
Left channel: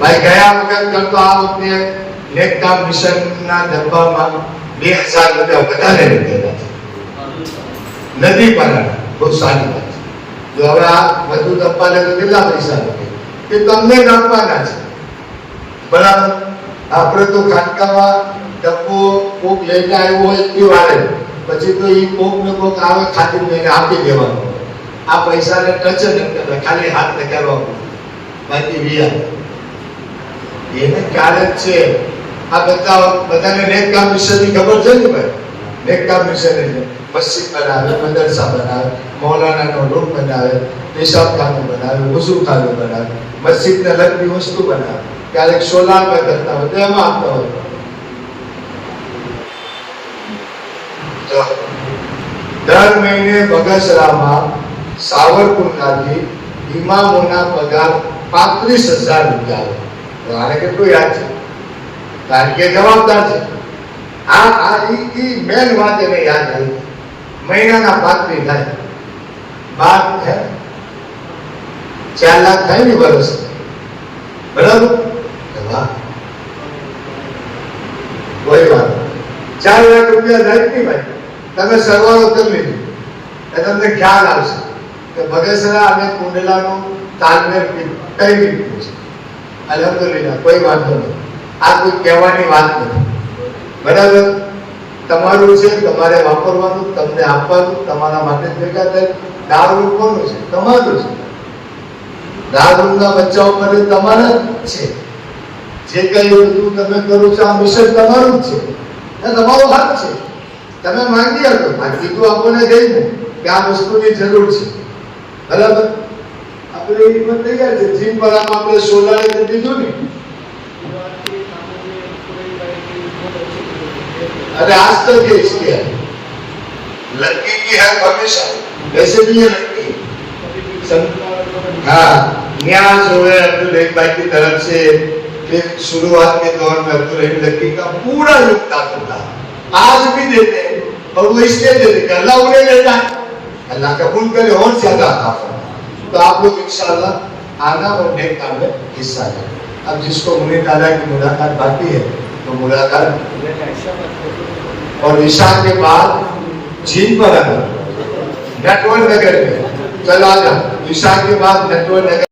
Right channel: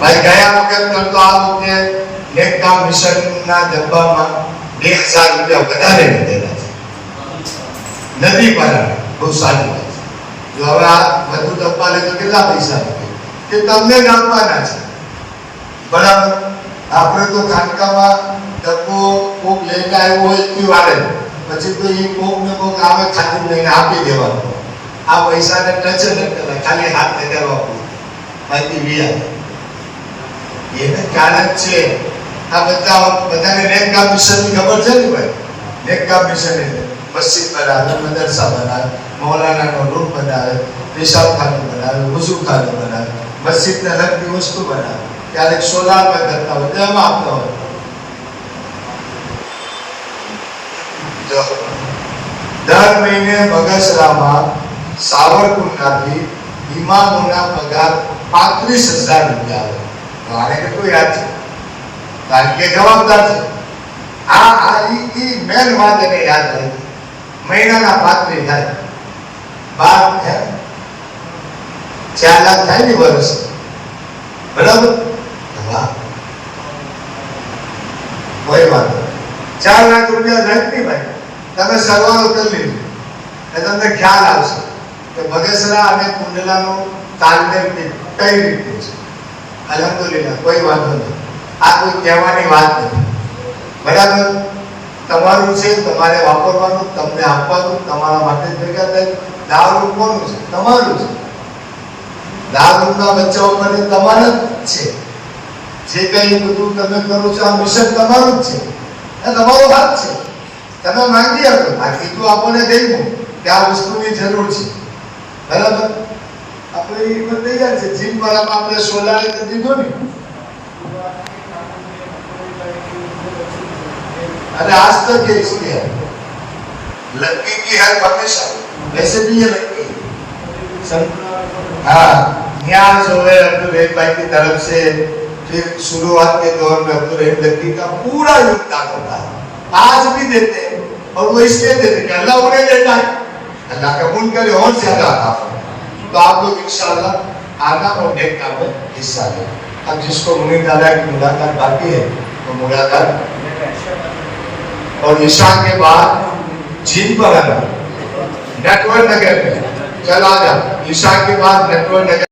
भाई, ગયા વખત તો આ વખતે નેક કામ મિશનના ડબ્બામાં 2000 રૂપિયા વધારે લીધેલા છે, નથી પારા, બહુ સારી વાત છે। જો હવે આ વધુ ડબ્બા લે તો કેટલા પૈસા લાગે, કે તમને જ આપવાના છે, બરાબર। આપણે તો ખાનકામાં ડબ્બો કોક લઈને આવ્યો હોય તો વાળે, પછી તો એ કોક ને કોક આવે ખાલી લઈને આપી દેવાનું, આ પૈસાને ટચ ન કરે, ખાલી હાથ લગાવવા પડે, બાકી વિયા એને કારણ છે। આ બધાને નેક કામ મિશનની ખબર છે ને ભાઈ? નેક કામ મિશન એટલે મસ્જિદ બનાવે, મદરસા બનાવે, મૌલાનાનો રૂમ બનાવે, પેશાબખાનું બનાવે, વઝૂખાનું બનાવે, મસ્જિદને લગતી વસ્તુ બનાવે, ક્યારેક સોલાર પર કરતા હોય, તેમાં આપતા હોય। દર મહિને બગસરામાં સાવરકુંડલાથી ઇમામોના પગાર 35,000 રૂપિયા આવે। આને કેટલું યાદ છે? કારણ કે જવાબદાર છે। આ મેન વાત એને યાદ રહી, મહિનાના 35 થાય, 12 થાય, 4 લાખ થાય ને વર્ષ, બરાબર? કોઈ વાત નહીં, 4 લાખ રૂપિયા થાય નહીં ભાઈ, તમે સરવાળો કરી લીધો એટલે તમને ખ્યાલ આવશે કે બગસરા અને કુંડલાનો તાલમેલ કઈ રીતનું છે। અલહમદુલિલ્લાહ, કોઈ વાંધો નહીં, આ કોઈ કહેવાની વાત નથી, બરાબર? તમારું છે, તમારે વાપરવાનું, તમને આપવાનું, તમારા માટે ભેગા થાય। દારૂ કોનું છે? તમારું છે। દારૂના બચ્ચાઓ માટે તમારા જ છે, જે કઈ બધું તમે કરો છો આ મિશન તમારું જ છે, આ તમારો હાથ છે, તમે માંગી આપો, આ કીધું આપણને દઈ કે આ વસ્તુની જરૂર છે, બરાબર? આપણે એ પણ તૈયાર છે, જીમ વાળામાં આપણે સોલાર કરી દીધું ને, अरे आज तक ये इसके है, लड़की की हेल्प हमेशा, वैसे भी ये लड़की, हाँ, न्याज हो गए अब्दुल रहीम भाई की तरफ से, फिर शुरुआत के दौर में अब्दुल रहीम लड़की का पूरा योगदान होता है, आज भी देते हैं, और वो इसलिए देते हैं अल्लाह उन्हें देता है, अल्लाह कबूल करे और ज्यादा आता है। तो आप लोग इंशाअल्लाह आना और नेक काम में हिस्सा लें। अब जिसको मुनीर दादा की मुलाकात बाकी है तो मुलाकात, और ईशा के बाद जीन पर आना, नेटवर्क नगर में चल आ जा, ईशा के बाद नेटवर्क नगर